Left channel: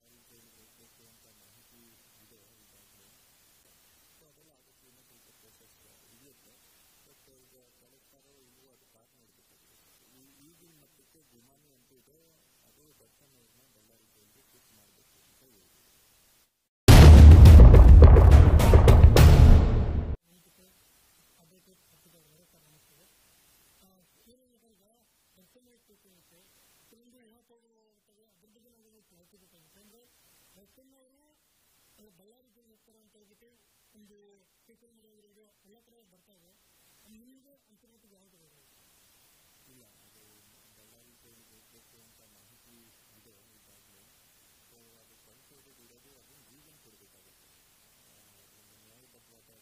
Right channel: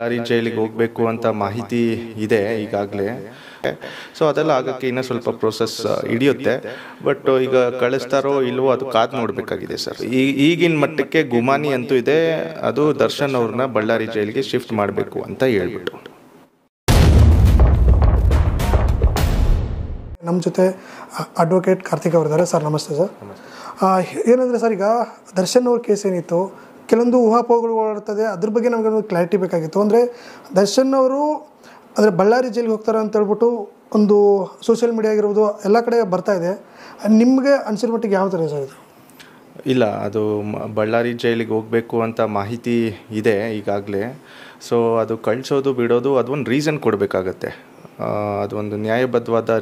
ಬಳ್ಳಾರಿ ಜೈಲಿಗೆ ಹೋಗಬೇಕು ಅಂತ ಮಾಹಿತಿ ಇದೆ ಈಗಾಗಲೇ. ಸೊ ಅದೆಲ್ಲ ಆಗಕ್ಕೆ ಇನ್ನೂ ಸ್ವಲ್ಪ ಪ್ರೋಸೆಸ್ ಹಿಡಿಯುತ್ತೆ. ಬಟ್ ಈಗ ಕಳಿಸ್ತಾರೋ ಇಲ್ವೋ ಅದು ಕಾದು ನೋಡಬೇಕಾಗಿದೆ ಸರ್. ಈಗಿನ ಮಟ್ಟಕ್ಕೆ ಗುಮಾನಿ ಅಂತೂ ಇದೆ, ಅದು ದರ್ಶನ್ ಅವ್ರನ್ನ ಬಳ್ಳಾರಿ ಜೈಲಿಗೆ ಶಿಫ್ಟ್ ಮಾಡಬೇಕು ಅಂತ ಹೇಳ್ಬಿಟ್ಟು. ನಮ್ಮ ಜೊತೆ ಅಡ್ವೊಕೇಟ್ ಕಾರ್ತಿಕ್ ಅವರಿದ್ದಾರೆ. ಸರ್ ನಮಸ್ತೆ ಸರ್. ಏನಂದರೆ ಸರ್, ಈಗ ದರ್ಶನ್ ಅವ್ರ ಕೇಸ್ ಏನಿತ್ತು, ಕೆಲವೊಂದು ಊಹಾಪೋಹಗಳು ಓಡಾಡ್ತದೆ, ಅದ್ರ ಬಗ್ಗೆ ನಮಗೆ ಒಂದು ಕ್ಲಾರಿಟಿ ಬೇಕಾಗಿತ್ತು. ಅಂದರೆ ದರ್ಶನ್ ಅವರು ಅಂದರೆ ಬಳ್ಳಾರಿ ಜೈಲಿಗೆ ಹೋಗ್ತಾರೆ ಅಂತ ಹೇಳ್ಬಿಟ್ಟು ಒಂದು ಸೋಷಿಯಲ್ ಮೀಡಿಯಾ ಆಗಿರ್ಬೋದು ಎಲ್ಲ ಕಡೆ ಬರ್ತಾ ಇದೆ. ನಿಮಗೆ ಅನಿಸಿರೋ ಮಟ್ಟಿಗೆ ಯಾವ ಥರ ಸರ್ ಇದು? ಇಲ್ಲ, ಅದು ಬಳ್ಳಾರಿ ಜೈಲಿಗೆ ಹೋಗಬೇಕು ಅಂತ ಮಾಹಿತಿ ಇದೆ ಈಗಾಗಲೇ. ಸೊ ಅದು ಕಳಿಸೋದು ಬಿಡೋದು ಅದೊಂದು ರೀಸನ್ ಕೊಡಬೇಕಾಗತ್ತೆ. ಅದೊಂದು ನ್ಯಾಯಬದ್ಧವಾದ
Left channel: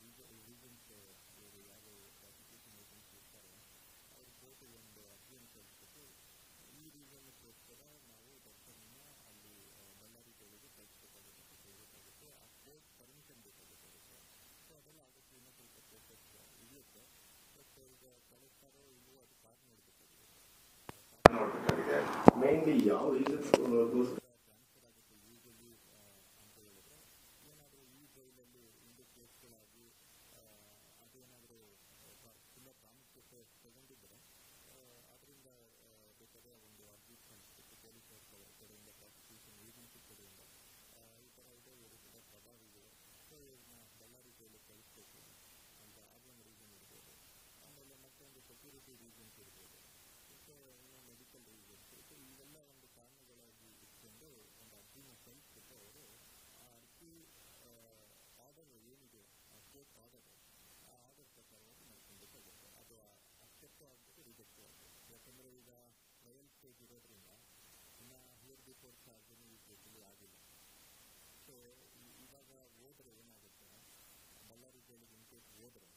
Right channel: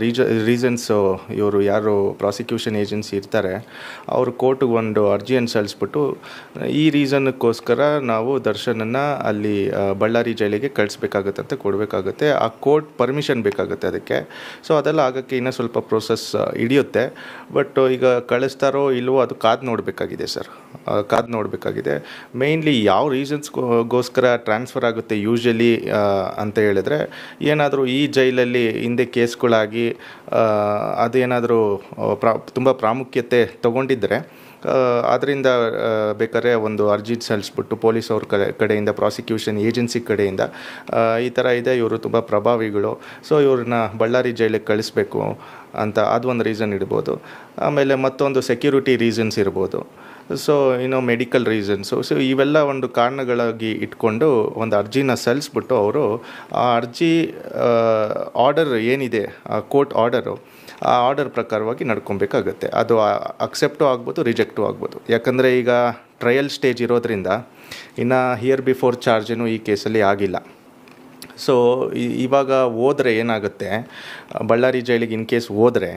ರೀಸನ್ಸು ಇವರು ಯಾರು ಪ್ರಾಸಿಕ್ಯೂಷನ್ ಏಜೆನ್ಸಿ ಇರ್ತಾರೆ ಅವರು ಕೋರ್ಟಿಗೆ ಒಂದು ಅರ್ಜಿಯನ್ನು ಸಲ್ಲಿಸ್ಬಿಟ್ಟು ಈ ರೀಸನ್ಗೋಸ್ಕರ ನಾವು ದರ್ಶನನ್ನು ಅಲ್ಲಿ ಬಳ್ಳಾರಿ ಜೈಲಿಗೆ ಕಳಿಸ್ಬೇಕಾಗತ್ತೆ ಅಂತ ಕೊಡಬೇಕಾಗತ್ತೆ. ಆ ಕೋರ್ಟ್ ಪರ್ಮಿಷನ್ ಬೇಕಾಗುತ್ತೆ ಅದಕ್ಕೆ. ಸೊ ಅದೆಲ್ಲ ಆಗೋಕ್ಕೆ ಇನ್ನೂ ಸ್ವಲ್ಪ ಪ್ರೋಸೆಸ್ ಹಿಡಿಯುತ್ತೆ. ಬಟ್ ಈಗ ಕಳಿಸ್ತಾರೋ ಇಲ್ವೋ ಅದು ಕಾದು ನೋಡಬೇಕಾಗಿದೆ ಸರ್, ಕಾದು ನೋಡಬೇಕಾಗಿದೆ. ಮೇಯ್ನ್ಲಿ ಯಾವ ರೀಸನ್ಸ್ಗೋಸ್ಕರ ಟ್ರಾನ್ಸ್ಫರ್ ಆಗುತ್ತೆ ಯೂಶ್ವಲಿ ಅಂತ ಹೇಳಿದ್ರೆ, ಏನಾದರೂ ಈ ಜೈಲಲ್ಲಿ ಹಿಂದೆ ಕೇಸ್ಗಳಾಗಿ ಅದೇನಾದರೂ ತುಂಬ ಪ್ರಾಮುಖ್ಯತೆ ತಗೊಂಡಿದ್ದರೆ ಅದರಿಂದ ಬೇಕಾದ್ರೆ ಒಂದು ಅರ್ಜಿ ಸಲ್ಲಿಸ್ಬಿಟ್ಟು ಪೊಲೀಸ್ ಅವ್ರ ಕಡೆಯಿಂದ, ಪ್ರಾಸಿಕ್ಯೂಷನ್ ಏಜೆನ್ಸಿ ಕಡೆಯಿಂದ ಈ ಥರ ಇದೆ, ಇವರು ತುಂಬ ಪ್ರಭಾವಿಗಳು, ಸೊ ಇವ್ರನ್ನ ಬಳ್ಳಾರಿ ಜೈಲಿಗೆ ಕಳಿಸ್ಬೇಕು ಅಂತ ಅದೊಂದು ರೀಸನ್ ಇಡ್ಬೋದು. ಆಮೇಲೆ ಮತ್ತೊಂದು ಸೆಕ್ಯೂರಿಟಿ ರೀಸನ್ಸ್ ಇರ್ಬೋದು. ಸೊ ಇನ್ನು ಮೆಡಿಕಲ್ ರೀಸನ್ಸು. ಸೊ ಇವೆಲ್ಲ ಒಂದು ಕಾರಣಗಳಾಗಿ ಇಟ್ಕೊಂಡು ಒಂದು ಅರ್ಜಿನ ಸಲ್ಲಿಸ್ಬಿಟ್ಟು ಅವರು ಆ ಅರ್ಜಿ ಆರ್ಡರ್ ಏನಿದೆ, ಆ ಕೋರ್ಟ್ ಆರ್ಡರು, ಆ ಆರ್ಡರ್ ಪ್ರಕಾರವಾಗಿ ನಡ್ಕೊಬೇಕಾಗತ್ತೆ. ಅದು ಅಕ್ಸೆಪ್ಟು ಆಗ್ಬೋದು, ರಿಜೆಕ್ಟು ಆಗ್ಬೋದು. ಯಾಕಂದರೆ ಈಗ ಟ್ರಯಲ್ ಸ್ಟೇಜ್ ಇರೋದ್ರಿಂದ ಇನ್ನು ಹಿಯರ್ ಬಿಫೋರ್ ಚಾರ್ಜೇನು ಈ ಕೇಸಲ್ಲಿ ಆಗಿಲ್ಲ. ಸೊ ಇವಾಗ ಹೋದರೆ ಏನಾಗುತ್ತೆ, ಬಳ್ಳಾರಿ ಜೈಲಿಗೆ ಇನ್ ಕೇಸ್ ಹೋದರೆ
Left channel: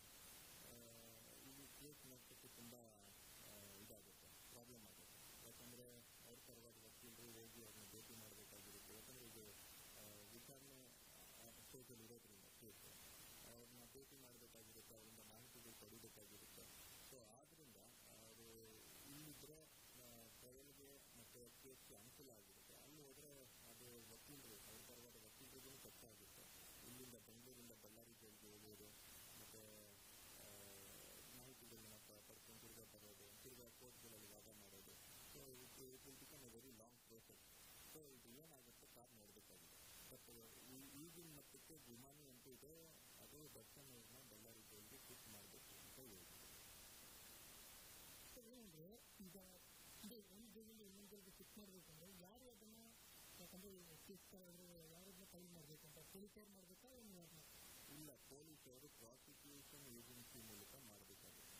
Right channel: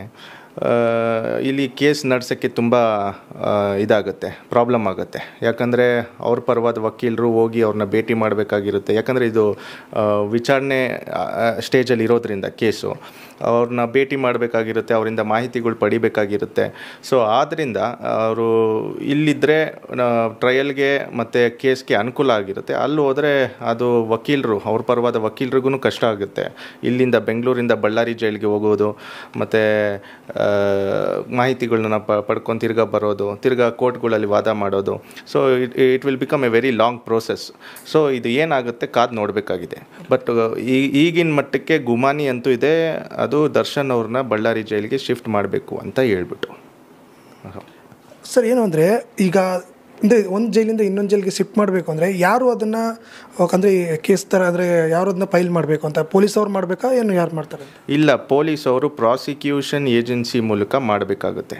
ಇಲ್ಲಿ ಕೇಸ್ ನಡೆಸೋಕ್ಕೆ ತುಂಬ ಇದಾಗುತ್ತೆ, ಪ್ರಾಬ್ಲಮ್ ಆಗುತ್ತೆ. ಯಾಕಂದರೆ ಅವ್ರ ಪರವಾದ ವಕೀಲರು ಹೋಗಿ ಅವ್ರನ್ನ ಭೇಟಿ ಮಾಡಬೇಕಾಗಿರುತ್ತೆ. ಯಾಕಂದರೆ ಇದು ವಿಚಾರಣೆ ಸ್ಟೇಜಲ್ಲಿ ಇರೋದ್ರಿಂದ ಕೇಸು ಅವ್ರನ್ನ ಭೇಟಿ ಮಾಡಬೇಕಾಗಿರುತ್ತೆ, ಅವರಿಂದ ಮಾಹಿತಿಗಳು ಪಡಿಬೇಕಾಗಿರುತ್ತೆ. ಸೊ ಆದ್ದರಿಂದ ಅವರು ಇಲ್ಲಿದ್ದರೆ ಟ್ರಯಲ್ಗೆ ಮತ್ತು ಕೇಸ್ಗೆ ಅನುಕೂಲ ಆಗಿರುತ್ತೆ. ಅಲ್ಲಿ ಹೋದರೆ ಅದು ವಕೀಲರು, ಅವ್ರ ಪರವಾದ ವಕೀಲರಿಗೂ ಕಷ್ಟ ಆಗುತ್ತೆ. ಇಲ್ಲಿಂದ ಬೆಂಗಳೂರಿಂದ ಬಳ್ಳಾರಿ ಜೈಲಿಗೆ ಹೋಗೋದು, ಮತ್ತು ಮಾಹಿತಿಗಳನ್ನ ಪಡ್ಕೊಂಡು ತಿರ್ಗಾ ಬರೋದು, ತಿರ್ಗಾ ಕೋರ್ಟ್ಗಳಲ್ಲಿ ವಾದ ಮಾಡೋದು. So it will become A very long process. So ಇದು ಏನಾಗುತ್ತೆ ಕಾದು ನೋಡಬೇಕಾಗಿದೆ. ಬಟ್ ಈಗಿನ ಮಟ್ಟಕ್ಕೆ ಗುಮಾನಿ ಅಂತೂ ಇದೆ, ಅದು ದರ್ಶನ್ ಅವ್ರನ್ನ ಬಳ್ಳಾರಿ ಜೈಲಿಗೆ ಶಿಫ್ಟ್ ಮಾಡಬೇಕು ಅಂತ ಹೇಳ್ಬಿಟ್ಟು. ಸರ್, ಏನು ಅಂದರೆ ಈಗ ಅಂದರೆ ಒಂದು ಜೈಲಿಂದ ಇನ್ನೊಂದು ಜೈಲಿಗೆ ಶಿಫ್ಟ್ ಮಾಡಬೇಕು ಅಂದರೆ ಯಾರು ಅದನ್ನು, ಅಂದರೆ ಕೇಸ್ ಥರ ಅಂದರೆ ಯಾರು ಅದನ್ನ ಫೈಲ್ ಮಾಡಬೇಕು ಅಂತ, ಪೊಲೀಸ್ ಅವ್ರು ಮಾಡಬೇಕಾ, ಏನು ಯಾರು ಮಾಡ್ತಾರೆ? ಇಲ್ಲ, ಪೊಲೀಸ್ ಅವರು ಪ್ರಾಸಿಕ್ಯೂಷನ್ ಏಜೆನ್ಸಿ ಮೂಲಕ ಮಾಡಬೇಕಾಗುತ್ತೆ.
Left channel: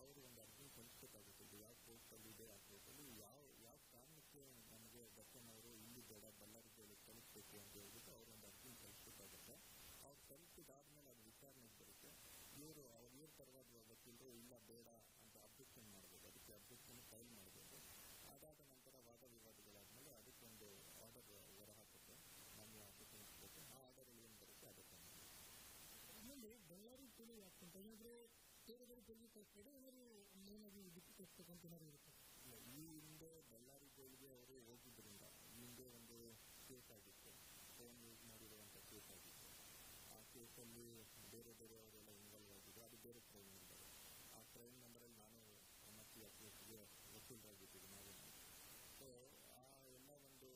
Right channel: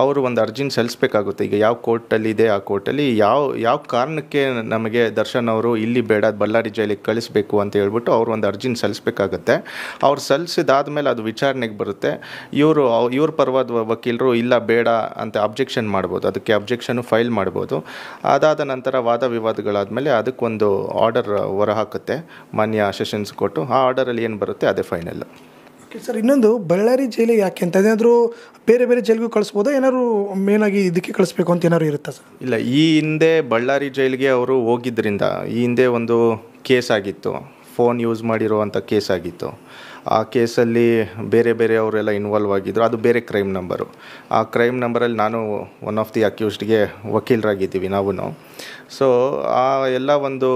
ಅವರು ಒಂದು ಅರ್ಜಿನ ಸಲ್ಲಿಸಬೇಕಾಗುತ್ತೆ. ಈಗ ಯಾವ ಕೋರ್ಟಲ್ಲಿದೆ ಆ ಕೋರ್ಟಲ್ಲಿ ಯಾವ ಕಾರಣಕ್ಕೆ ನಮಗೆ ದರ್ಶನ್ ಅವರು ಇಲ್ಲಿ ಬೇಡ ಬಳ್ಳಾರಿ ಜೈಲಿಗೆ ಕಳಿಸ್ಬೇಕು ಅಂತ ಹೇಳ್ಬಿಟ್ಟು ಅವರು ಒಂದು ಅರ್ಜಿನ ಸಲ್ಲಿಸಬೇಕಾಗತ್ತೆ. ಅವ್ರು ಸಲ್ಲಿಸಿದಾದ್ಮೇಲೆ ಅದು ವಿಚಾರಣೆಗೆ ಬರುತ್ತೆ. ಇವ್ರ ಪರವಾದ ವಕೀಲರು ಇಲ್ಲ ಬೇಡ ಅಂತ ಅಬ್ಜೆಕ್ಷನ್ ಮಾಡ್ಬೋದು, ಅದಕ್ಕೆ ಅಬ್ಜೆಕ್ಷನ್ನು ಫೈಲ್ ಮಾಡ್ಬೋದು. ಅದಾದ ನಂತರ ವಾದ ವಿವಾದಗಳಾದಮೇಲೆ ಅದಕ್ಕೊಂದು ಆರ್ಡರ್ ಹೊರಹಾಕುತ್ತೆ ಮಾನ್ಯ ಸೆಷನ್ಸ್ ಕೋರ್ಟು. ಆ ಆರ್ಡರಲ್ಲಿ ಏನು ಬರುತ್ತೆ ಅದೇ ಫೈನಲ್ಲು. ಸರ್, ಇನ್ನೊಂದು ಬಳ್ಳಾರಿ ಜೈಲಿಗೆ ಯಾಕೆ ಅಂತ, ಏನಾದರೂ ಬೇರೆ ಬೇರೆ ಜೈಲಿಗೂ ಕಳಿಸ್ಬೋದಾ, ಏನಾದ್ರು ಮೇನಾಗಿ ಇದಕ್ಕೆ ಕಳಿಸ್ಬೇಕು ಅಂತ ಏನಾದ್ರು ಇರುತ್ತಾ ಸರ್? ಇಲ್ಲ, ಈ ಹಿಂದೆ ಬಳ್ಳಾರಿ ಜೈಲಿಗೆ ಅವರು ಹೋಗಿದ್ದರಿಂದ ಈ ಹಿಂದೆ ಒಂದು ಕೇಸ್ ಆಗಿತ್ತು, ಫೋನ್ ಯೂಸ್ ಮಾಡಿರುವಂಥ ಕೇಸ್ ಆಗಿತ್ತು. ಆ ಕೇಸಲ್ಲಿ ಬೇರೆ ಅವರೆಲ್ಲ ಇನ್ವಾಲ್ವ್ ಆಗಿದ್ದರು. ಅದು ಬೇರೆ ಕ್ರೈಮ್ ನಂಬರು. ಆ ಕ್ರೈಮ್ ನಂಬರಲ್ಲಿ ನಾನು ಒನ್ ಆಫ್ ದಿ ಅಕ್ಯೂಸ್ಡ್ಗೆ ವಕೀಲರಾಗಿದ್ದೀವಿ ನಾವು. ಸೊ ಆ ಎಲ್ಲ ಒಂದು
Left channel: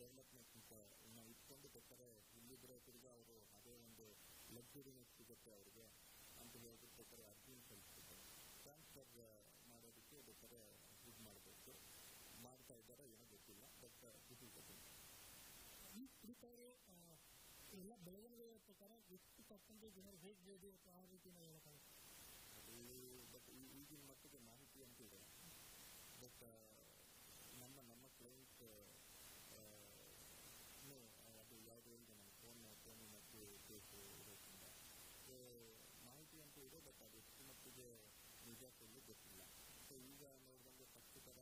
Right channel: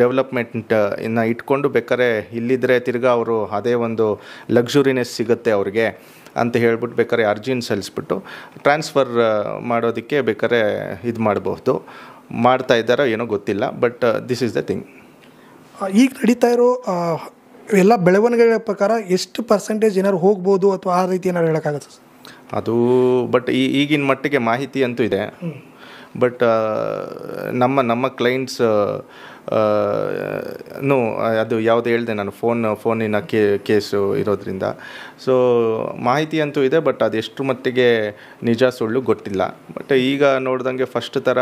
ಡೆವಲಪ್ಮೆಂಟ್ ಇನ್ನು ಇಟ್ಕೊಂಡು ಬೇಕಾದ್ರೆ ಇಲ್ಲಿದ್ದರೆ ತಿರ್ಗಾ ಅವರು ಅದೇ ಒಂದು ಲಕ್ಸುರಿನೆಸ್ ಸಿಗುತ್ತೆ ಅವ್ರಿಗೆ ಅಂತ ಹೇಳ್ಬಿಟ್ಟು ಬೇಕಾದ್ರೆ ಅರ್ಜಿನ ಸಲ್ಲಿಸ್ಬಿಟ್ಟು ಟ್ರಾನ್ಸ್ಫರ್ ಮಾಡೋದಕ್ಕೆ ಬೇಕಾದ್ರೆ ಇದು ಮಾಡಬಹುದು. ಮಾಡ್ತಾ ಇದ್ದಾರೋ ಏನೋ ಗೊತ್ತಿಲ್ಲ. But this is the thing. ಈಗ ನಡೀತಾ ಇರೋ ಎಲ್ಲ ಬೆಳವಣಿಗೆಗಳ ಪ್ರಕಾರ ಎಷ್ಟು ಪರ್ಸೆಂಟೇಜ್ ಏನಾದ್ರು ಹೋಗ್ಬೋದು ಅಥವಾ ಆ ರೀತಿ ಏನಾದ್ರು ಹೇಳೋಕ್ಕಾಗತ್ತೆ ಸರ್? ಅದು ಬಟ್ ಈಗಿನ ಮಟ್ಟಿಗೆ ಮಾಹಿತಿ ಅಂತೂ ಇದೆ. ಬಟ್ ನಮ್ಮ ಕ್ಲೈಂಟ್ಸ್ ಅದು ಯಾವುದು ಹೇಳಿದೆ ನಾನು, ಫೋನಿನ ಕೇಸು ಇರೋದ್ರಿಂದ. ಸೊ ಮಾಹಿತಿ ಅಂತೂ ಇದೆ, ಬಟ್ ಅದೆಷ್ಟು ಮಟ್ಟಿಗೆ ನಿಜ ಸುಳ್ಳು ಗೊತ್ತಿಲ್ಲ. ಬಟ್ ಈಗ ನೋಡ್ದಂಗೆ ಫಸ್ಟ್ ಥರ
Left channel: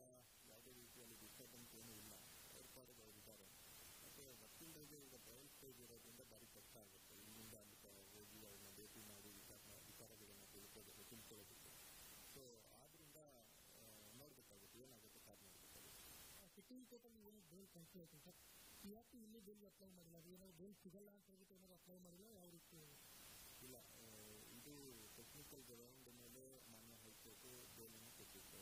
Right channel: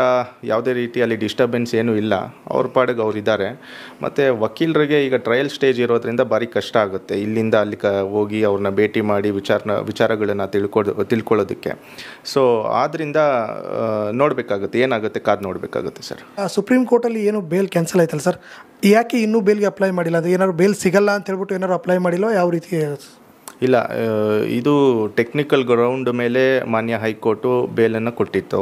ಯಾವುದೇ ರೀತಿಯಲ್ಲಿ ಡಿಸ್ಟರ್ಬೆನ್ಸ್ ಏನೂ ಇಲ್ಲ, ಅವ್ರ ಪಾಡಿಗೆ ಅವ್ರು ಇದ್ದಾರೆ. ಮತ್ತು ವಕೀಲರಿಗೆ ಈಗ ಟ್ರಯಲ್ ಸ್ಟೇಜ್ ಇರೋದ್ರಿಂದ ಭಾರಿ ಕಷ್ಟ ಆಗುತ್ತೆ ಇಲ್ಲಿಂದ ಅಲ್ಲಿ ಹೋಗಿ ಅವ್ರನ್ನ ಭೇಟಿ ಮಾಡಿ ವಿಚಾರಗಳನ್ನು ತಿಳ್ಕೊಳ್ಳೋದಕ್ಕೆ. ಸೊ ಆದ್ದರಿಂದ ನೋಡಬೇಕಾಗುತ್ತೆ, ಏನಾಗುತ್ತೆ ಕಾದು ನೋಡಬೇಕಾಗುತ್ತೆ ಸರ್. ಸುಪ್ರೀಂ ಕೋರ್ಟಲ್ಲಿ ಏನು ಬೇಲ್ ಕ್ಯಾನ್ಸಲ್ ಕ್ಯಾನ್ಸಲ್ ಆಯ್ತಲ್ಲ ಸರ್, ಯಾಕೆ ಇನ್ನೂ ಬೇಲ್ಗೆ ಅಪ್ಲೈ ಮಾಡಿಲ್ಲ? ಅದು ಏನಾದ್ರು ಬೇಲ್ ಸಿಗಲ್ಲ ಅಂತ ಹೇಳ್ಬಿಟ್ಟು ಏನಾದ್ರು ಅಪ್ಲೈ ಮಾಡಿಲ್ಲ, ಯಾವ ರೀತಿ? ಇಲ್ಲ, ಇದು ಟೆಕ್ನಿಕಲ್ ಗ್ರೌಂಡ್ ಮೇಲೆ ಮಾನ್ಯ ಹೈಕೋರ್ಟು ಬೇಲನ್ನು ಕೊಟ್ಟಿತ್ತು.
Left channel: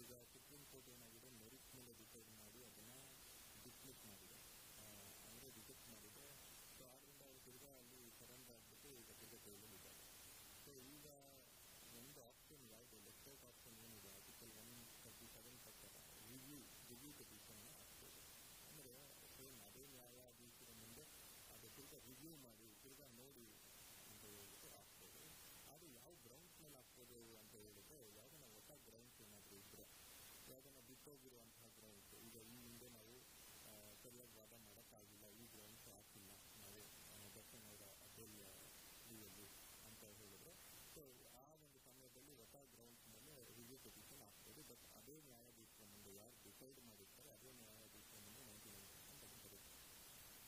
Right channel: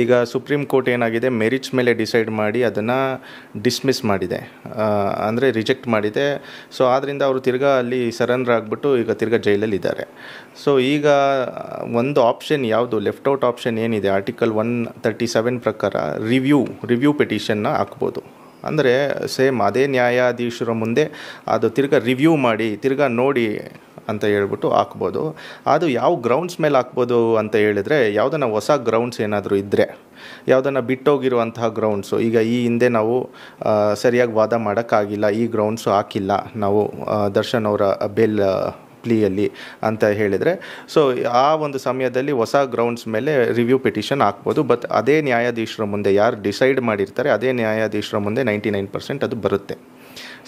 ಈಗ ಸುಪ್ರೀಂ ಕೋರ್ಟ್ ಏನಾಗಿದೆ, ಮೆರಿಟ್ಸ್ ಮೇಲೆ ಡಿಸೈಡ್ ಮಾಡಿ ಅದನ್ನು ಡಿಸ್ಮಿಸ್ ಮಾಡಿದೆ, ಅಂದರೆ ರಿಜೆಕ್ಟ್ ಮಾಡಿದೆ. ಸೊ ಆದ್ದರಿಂದ ಅವರು ತಿರ್ಗಾ ಅಲ್ಲಿ ಸರೆಂಡರ್ ಆಗಿಬಿಟ್ಟು ಈಗ ತಿರ್ಗಾ ಜೈಲಲ್ಲಿ ಇದ್ದಾರೆ. ಸೊ ಈಗ ಒಂದು ಆಪ್ಷನ್ ಯಾವುದು ಲೆಫ್ಟ್ ಔಟ್ ಆಪ್ಷನ್ ಏನಿದೆ, ಆರ್ಟಿಕಲ್ 137 ಪ್ರಕಾರ ರಿವ್ಯೂ ಪಿಟಿಷನ್ನ ಹಾಕ್ಬೋದು. ಅಂದರೆ ಸೇಮ್ ಅದೇ ನ್ಯಾಯಾಧೀಶರ ಮುಂದೆ ಅದು ತಿರ್ಗಾ ರಿವ್ಯೂ ಮಾಡಿ ತಿರ್ಗಾ ನೋಡಿ ಅಂತ ಹೇಳ್ಬಿಟ್ಟು ಹಾಕ್ಬೋದು. ಅದು ಯಾವ ಗ್ರೌಂಡ್ಸ್ ಮೇಲೆ ಹಾಕ್ಬೋದು ಅಂತ ಹೇಳಿದ್ರೆ, ಯಾವುದನ್ನ ಹೊಸ ಗ್ರೌಂಡ್ಸ್ ಏನಾದರೂ ಇದ್ದರೆ, ಯಾವುದನ್ನು ಬಿಟ್ಟೋಗಿರುವಂತಹ ಗ್ರೌಂಡ್ಸು, ಈಗ ಈ ಹಿಂದೆ ನಾವು ಸರಿಯಾಗಿ ವಾದ ಮಾಡೋಕ್ಕಾಗಿಲ್ಲ, ಈ ಗ್ರೌಂಡ್ಸು ಹಾಕಿಲ್ಲ ನಾವು ದರ್ಶನ್ ಅವರ ಬೇಲ್ ಪ್ಲೀಯಲ್ಲಿ ಅಂತ ಹೇಳಿದರೆ, ಸೊ ಆ ಒಂದು ಸಮಯದಲ್ಲಿ ಹೊಸ ಗ್ರೌಂಡ್ಸ್ ಮೇಲೆ ರಿವ್ಯೂ ಪಿಟಿಷನ್ ಹಾಕ್ಬೋದು. ಬಟ್ ಅದೇ ನ್ಯಾಯಾಧೀಶರ ಮುಂದೆ ಯಾರು ಡಿಸೈಡ್ ಮಾಡಿರ್ತಾರೆ ಅದೇ ನ್ಯಾಯಾಧೀಶರ ಮುಂದೆ 99% ಅದು ಬರುತ್ತೆ.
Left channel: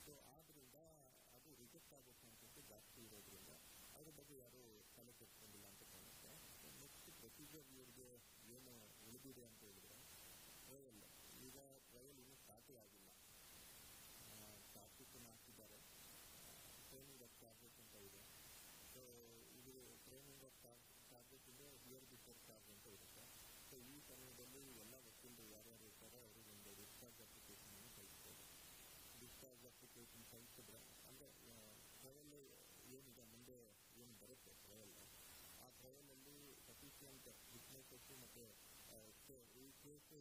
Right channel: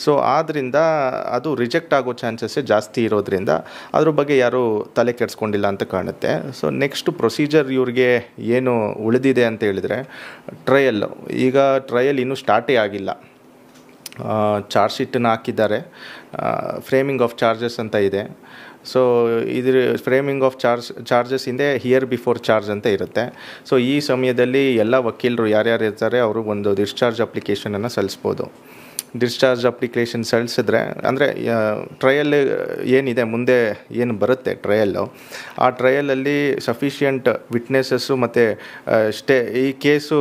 ಸೊ ಆದ್ದರಿಂದ ಅದು ರಿಜೆಕ್ಟ್ ಆಗೋ ಚಾನ್ಸಸ್ಸೇ ಜಾಸ್ತಿ ಇರೋದ್ರಿಂದ ಅದ್ರ ಬಗ್ಗೆ ಯಾರೂ ತಲೆ ಕೆಡಿಸ್ಕೊಂಡಿಲ್ಲ ಅಂತ ಕಾಣುತ್ತೆ. ಸೊ ನೆಕ್ಸ್ಟ್ ಪ್ರೊಸೀಜರ್ ಇವ್ರಿಗೆ ಏನು ಉಳಿದಿದೆ ಅಂತ ಹೇಳಿದರೆ, ಈಗ ಟ್ರಯಲ್ ಇನ್ನೂ ಸ್ಟಾರ್ಟೇ ಆಗಿಲ್ಲ. ಚಾರ್ಜ್ ಶೀಟನ್ನು ಹಾಕಿದ್ದಾರೆ, ಫ್ರೇಮಿಂಗ್ ಆಫ್ ಚಾರ್ಜಸ್ ಅಂತ ಇದೆ. ಸೊ ಇದ್ರ ಫ್ರೇಮಿಂಗ್ ಆಫ್ ಚಾರ್ಜಸ್ ಹಿಂದೆ ಹಿಯರ್ ಬಿಫೋರ್ ಚಾರ್ಜ್ ಅಂತ ಇರುತ್ತೆ. ಸೊ ಈ ಸಮಯದಲ್ಲಿ ಎಲ್ಲ ವಕೀಲರು ಯಾರ್ಯಾರು ಇರ್ತಾರೆ ಅವರು ಒಂದು ಡಿಸ್ಚಾರ್ಜ್ ಅಪ್ಲಿಕೇಶನನ್ನು ಸಲ್ಲಿಸ್ಬೋದು. ಡಿಸ್ಚಾರ್ಜ್ ಅಪ್ಲಿಕೇಶನ್ ಸಲ್ಲಿಸಿದ್ರೆ, ಅಂದರೆ ಟ್ರಯಲ್ ಏನಿದೆ ಮುಂದೆ ಏನು ಬರುತ್ತೆ ಟ್ರಯಲ್ಲು, ಆ ಟ್ರಯಲಲ್ಲಿ ಸಫಿಷಿಯಂಟ್ ವಿಟ್ನೆಸಸ್ಸು ಮತ್ತು ಈ ಕೇಸು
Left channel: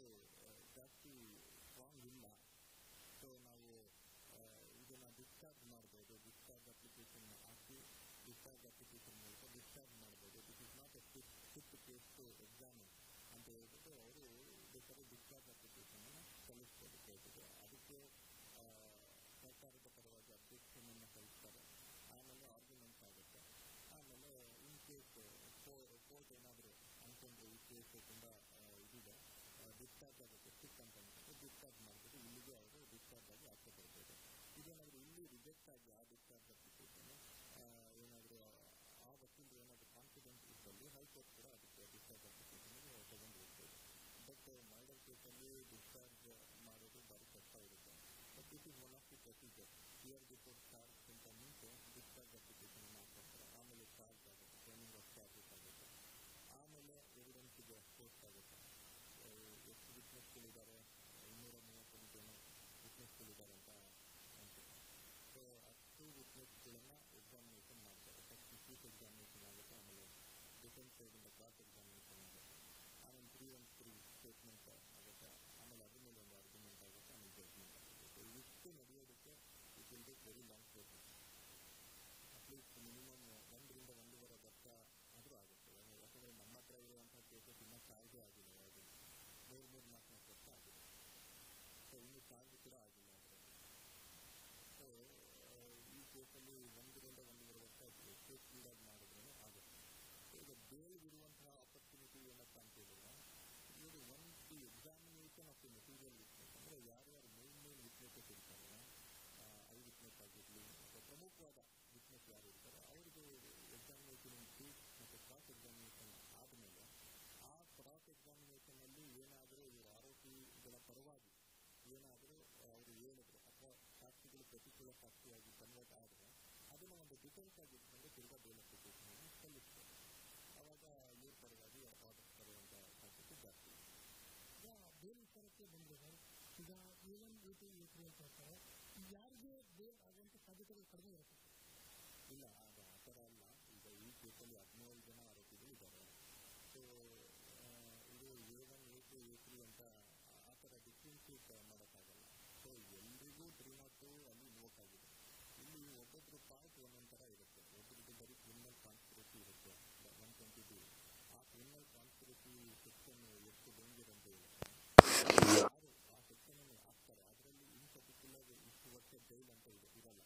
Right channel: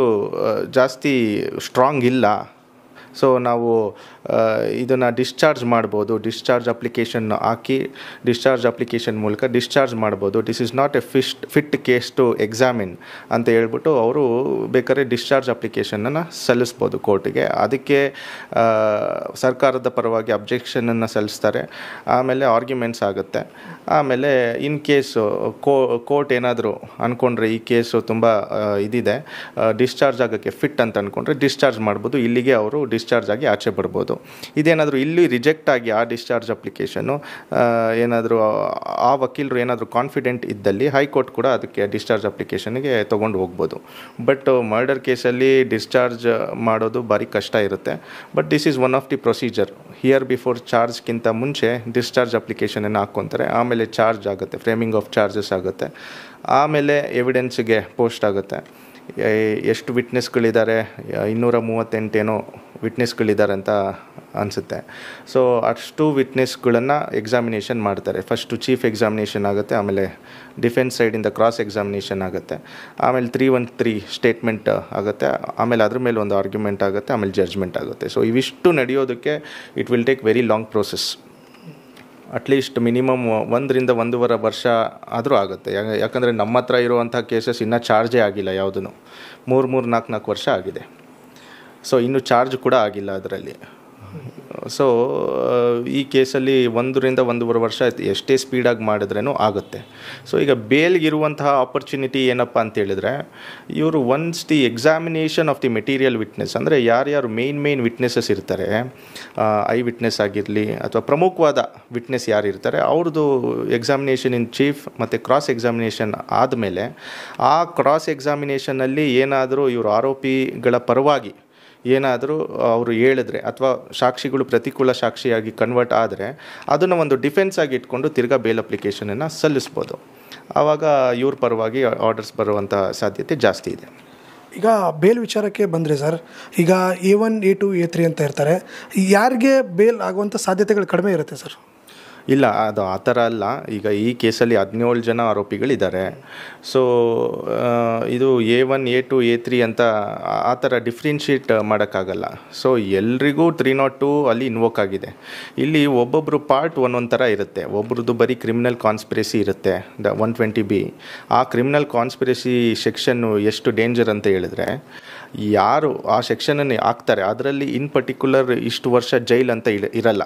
ಜಾಸ್ತಿ ಸ್ಟ್ರಾಂಗ್ ಇಲ್ಲ, ಸೊ ನಾವು ಇದನ್ನು ಡಿಸ್ಚಾರ್ಜ್ ಮಾಡ್ಬೋದು. ಡಿಸ್ಚಾರ್ಜ್ ಅಪ್ಲಿಕೇಶನ್ ಹಾಕಿ ಡಿಸ್ಚಾರ್ಜ್ ಅಪ್ಲಿಕೇಶನ್ ಮೂಲಕ ಡಿಸ್ಚಾರ್ಜ್ ಮಾಡ್ಬೋದು. This is not a fit case to examine ಅಂತ ಹೇಳ್ಬಿಟ್ಟು ಅವರು ಬೇಕಾದ್ರೆ ಡಿಸ್ಚಾರ್ಜ್ ಅಪ್ಲಿಕೇಶನನ್ನು ಸಲ್ಲಿಸ್ಬೋದು ಕೋರ್ಟಿಗೆ. ಅದಕ್ಕೆ ಸರ್ಕಾರದ ಪರವಾಗಿ ಅಬ್ಜೆಕ್ಷನನ್ನು ಸಲ್ಲಿಸ್ತಾರೆ, ಆಮೇಲೆ ಆರ್ಗ್ಯುಮೆಂಟ್ಸ್ ಆಗುತ್ತೆ. ಆಮೇಲೆ ಇನ್ ಕೇಸು ಕೋರ್ಟ್ ಏನಾದರೂ ಅಂದ್ಕೊಂಡ್ರೆ ಈ ಕೇಸು ತುಂಬ ಇದಿದೆ, ಡಿಸ್ಚಾರ್ಜ್ ಆಗೋಕ್ಕೆ ಫಿಟ್ ಅಂತ ಅಂದ್ಕೊಂಡ್ರೆ ಡಿಸ್ಚಾರ್ಜ್ ಮಾಡ್ಬೋದು, ಇಲ್ಲಿಗೆ ಅವರು ಡಿಸ್ಚಾರ್ಜ್ ಆಗಿ ಆಚೆ ಬರ್ಬೋದು. ಇದೇನಾದರೂ ಇಲ್ಲಿ ರಿಜೆಕ್ಟ್ ಆಗಿ ಆ ಡಿಸ್ಚಾರ್ಜ್ ಅಪ್ಲಿಕೇಶನ್ನು ಏನಾದರೂ ಆ ವಕೀಲರು ಏನಾದರೂ ಕಾನ್ಫಿಡೆಂಟ್ ಇದ್ದಲ್ಲಿ ಹೈಕೋರ್ಟ್ ಕೂಡ ಅದಕ್ಕೆ ಡಿಸ್ಚಾರ್ಜ್ ಅಪ್ಲಿಕೇಶನ್ಗೆ ತೊಗೊಂಡು ಹೋಗ್ಬೋದು. ಬಟ್ ಮರ್ಡರ್ ಕೇಸಲ್ಲಿ ಡಿಸ್ಚಾರ್ಜ್ ಮಾಡೋದು ಭಾರಿ ಕಷ್ಟ ಇರುತ್ತೆ. But this is one of the procedure. Here before ಚಾರ್ಜ್ಗಿಂತ ಮುಂಚೆ ಡಿಸ್ಚಾರ್ಜ್ ಅಪ್ಲಿಕೇಶನನ್ನು ಹಾಕ್ಕೊತಾರೆ, ಆಮೇಲೆ ಚಾರ್ಜ್ ಆಗುತ್ತೆ, ಫ್ರೇಮಿಂಗ್ ಆಫ್ ಚಾರ್ಜಸ್ ಆಗುತ್ತೆ, ಆಮೇಲೆ ಎವಿಡೆನ್ಸ್ಗೆ ಪೋಸ್ಟ್ ಆಗುತ್ತೆ. ಎಷ್ಟು ವಿಟ್ನೆಸ್ಗಳಿದ್ದಾರೆ, 238 ಏನೋ ವಿಟ್ನೆಸ್ಗಳಿದ್ದಾರೆ ಅಂತ ಅನಿಸುತ್ತೆ. ಸೊ ಅಷ್ಟು ವಿಟ್ನೆಸ್ಗಳನ್ನು ಎಕ್ಸಾಮಿನೇಷನ್ ಮಾಡ್ತಾರೆ. ಫಸ್ಟು ಚೀಫ್ ಎಕ್ಸಾಮಿನೇಷನ್ ಆಗುತ್ತೆ, ಆಮೇಲೆ ಡಿಫೆನ್ಸ್ ಸೈಡಿಂದ ಕ್ರಾಸ್ ಎಕ್ಸಾಮಿನೇಷನ್ ಆಗುತ್ತೆ, ಆಮೇಲೆ 313 ಸ್ಟೇಟ್ಮೆಂಟ್ ಆಗುತ್ತೆ, ಆಮೇಲೆ ಅದ್ರ ಮೇಲೆ ಒಂದು ಆರ್ಗ್ಯುಮೆಂಟ್ ಆಗುತ್ತೆ, ಆಮೇಲೆ ಜಡ್ಜ್ಮೆಂಟ್ ಆಗುತ್ತೆ. ಸೊ ಇವಿಷ್ಟು ನಡೆಯೋದಕ್ಕೆ it will take very long process. At least minimum 1 ರಿಂದ 1.5 ವರ್ಷ ಆದರೂ ಆಗುತ್ತೆ. ಯಾಕಂದರೆ ನಮ್ಮ ಹತ್ರ ಇರುವಂಥ ಕೇಸಸ್ ಇನ್ನೂ ಚಾರ್ಜೇ ಆಗಿಲ್ಲ, ಯಾವುದೂ 3-4 ವರ್ಷ ಆಗಿದೆ. ಸೊ ಇನ್ನೂ ಚಾರ್ಜ್ ಕೂಡ ಆಗಿಲ್ಲ ಅದರಲ್ಲಿ. ಸೊ ಈ ಕೇಸಲ್ಲಿ 1 ರಿಂದ 1.5 ವರ್ಷ ಎಷ್ಟೇ ಸ್ಪೀಡಾಗಿ ಮಾಡಿದ್ರೂ ಆಗುತ್ತೆ. ಸೊ ಈಗ ಬೇಲ್ಗಿರುವಂತಹ ಆಪರ್ಚುನಿಟಿ ಏನಪ್ಪ ಅಂತೇಳಿದರೆ, ಇವರು once the examination of the material witness, ಅಂದರೆ ಯಾರ್ಯಾರು ಮೇನ್ ವಿಟ್ನೆಸಸ್ ಇರ್ತಾರೆ, ಐ ವಿಟ್ನೆಸ್ ಆಗಿರಲಿ ಅಥವಾ ಪ್ರಮುಖವಾದ ವಿಟ್ನೆಸ್ ಯಾರು ಇರ್ತಾರೆ ಅವ್ರದ್ದು ಎಕ್ಸಾಮಿನೇಷನ್ ಇನ್ ಚೀಫ್ ಮತ್ತು ಕ್ರಾಸ್ ಎಕ್ಸಾಮಿನೇಷನ್ ಆದಮೇಲೆ, ಆ ಕ್ರಾಸ್ ಎಕ್ಸಾಮಿನೇಷನಲ್ಲಿ ಏನಾದರೂ ಇವರು ಆರೋಪಿಗಳ ಪರವಾಗಿ ಏನಾದರೂ ಅವರು ಹೇಳಿದ್ರೆ ಅಥವಾ ಸಾಕ್ಷಿಗಳು ಪ್ರತಿಕೂಲ ಸಾಕ್ಷಿಯಾಗಿ ಕನ್ವರ್ಟ್ ಆದರೆ ಅದನ್ನು ಒಂದು ಡಿಫೆನ್ಸ್ ಆಗಿ ಇಟ್ಕೊಂಡು ತಿರ್ಗಾ ಬೇಲ್ ಅಪ್ಲಿಕೇಶನನ್ನು ಸಲ್ಲಿಸ್ಬೋದು. ಆವಾಗ ಇವ್ರ ಪರವಾಗಿ ಆರ್ಡರ್ಸ್ ಬರುವಂಥ ಸಾಧ್ಯತೆ ಜಾಸ್ತಿ ಇದೆ. ಈಗ ಬೇಲ್ ವಿಚಾರಕ್ಕೆ ಬಂದರೆ ಸರ್, ಈಗ A1, A2, A3 ಅಂತ ಇರ್ತಾರೆ, ಯಾರಿಗೆ ಬೇಲ್ ಆಗುವಂಥ ಸಾಧ್ಯತೆಗಳು ಕಡಿಮೆ ಇರುತ್ತೆ ಸರ್? ಇಲ್ಲ, ಅದು ಆ ಥರ ಅಲ್ಲ. ಈಗ ಈ ಕೇಸಲ್ಲಿ 17 ಜನ ಆರೋಪಿಗಳಿದ್ದಾರೆ. ಸೊ ಇದು A1, A2, A3 ಅಂತ ಆ ಥರ ಡಿಫ್ರೆನ್ಷಿಯೇಟ್ ಮಾಡೋಕ್ಕಾಗಲ್ಲ. ಸೊ ಎಲ್ರಿಗೂ 302 ಅಲ್ಲಿ ಇನ್ವೋಕ್ ಆಗಿದೆ. ಇಲ್ಲಿ ಒಬ್ಬೊಬ್ಬರು ಪಾರ್ಟ್ ಒಂದೊಂದು ಥರ ಇರುತ್ತೆ. ಒಬ್ರದ್ದು ಬರೀ ಕ್ರಿಮಿನಲ್ ಕಾನ್ಸ್ಪಿರಸಿ ಇರುತ್ತೆ, 120B. ಆ ಕ್ರಿಮಿನಲ್ ಕಾನ್ಸ್ಪಿರಸಿ ಸೆಕ್ಷನ್ನು ಎಷ್ಟು ಡೇಂಜರ್ ಅಂತ ಹೇಳಿದ್ರೆ, ಯಾರು ಆ ಸೆಕ್ಷನನ್ನು ಹಾಕ್ತಾರೆ ಅದರಲ್ಲಿ ಇನ್ ಪರ್ಟಿಕ್ಯುಲರ್ ಇಷ್ಟು ವರ್ಷ ಜೈಲ್ ಅಂತ ಇರಲ್ಲ,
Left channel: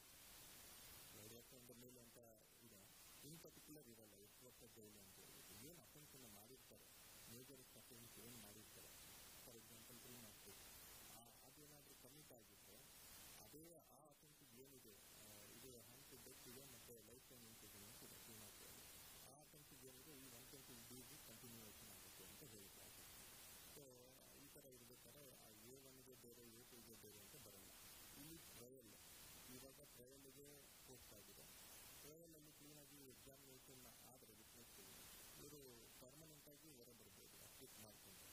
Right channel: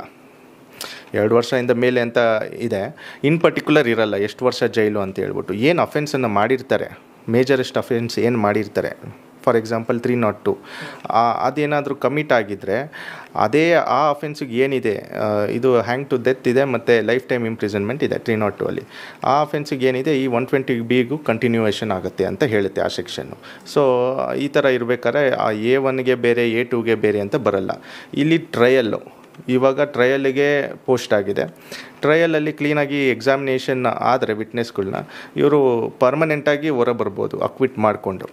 2 ವರ್ಷದಿಂದ ಮೇಲೆ ಅಂತ ಇದೆ. ಇನ್ ಪರ್ಟಿಕ್ಯುಲರ್ ಇರಲ್ಲ ಎಷ್ಟು ವರ್ಷ ಜೈಲು ಅಂತ ಹೇಳ್ಬಿಟ್ಟು. ಏನು ಅಫೆನ್ಸನ್ನು ಮಾಡಿರ್ತಾರೆ, ಮೇಜರೆಸ್ಟ್ ಅಫೆನ್ಸ್ ಏನು ಮಾಡಿರ್ತಾರೆ ಫಾರ್ ಎಕ್ಸಾಂಪಲ್ 302 ಅದೇನಾದರೂ ಕಮಿಟ್ ಆಗಿದ್ದರೆ ಅದೇ ಆ ಅಫೆನ್ಸಿಗೆ ಏನಿದೆ ಇದು ಹ್ಯಾಂಗ್ ಟು ಡೆತ್ ಇದೆ ಮತ್ತು ಲೈಫ್ ಟೈಮ್ ಇಂಪ್ರಿಸನ್ಮೆಂಟ್ ಇದೆ 302 ಅಲ್ಲಿ. ಆ ಅಫೆನ್ಸಿಗೆ ಏನಿದೆ ಈ 120B ಕಂಟಿನ್ಯೂಯೇಷನ್ ಆಗುತ್ತೆ ಅಂತ ಹೇಳುತ್ತೆ ಆ ಸೆಕ್ಷನ್ನು. ಸೊ ಈ ಥರ ಇರಬೇಕಾದ್ರೆ ಆ A1ಗೆ ಬೇರೆ A2ಗೆ ಬೇರೆ ಅಂತ ಬರಲ್ಲ. ಇಲ್ಲಿ ಟ್ರಯಲ್ಲು ಇವಾಗ ಟ್ರಯಲ್ಗೆ ಪೋಸ್ಟ್ ಆಗಿದೆ. ಟ್ರಯಲಲ್ಲಿ ಕ್ಲೀನಾಗಿ ಎಕ್ಸಾಮಿನೇಷನ್ ಆದರೆ ವಿಟ್ನೆಸ್ಗಳನ್ನ ಇವರು ಪರ್ಮನೆಂಟಾಗಿ ಹೊರ ಬರ್ಬೋದು ಅಕ್ವಿಟ್ ಮಾಡಿಕೊಂಡು.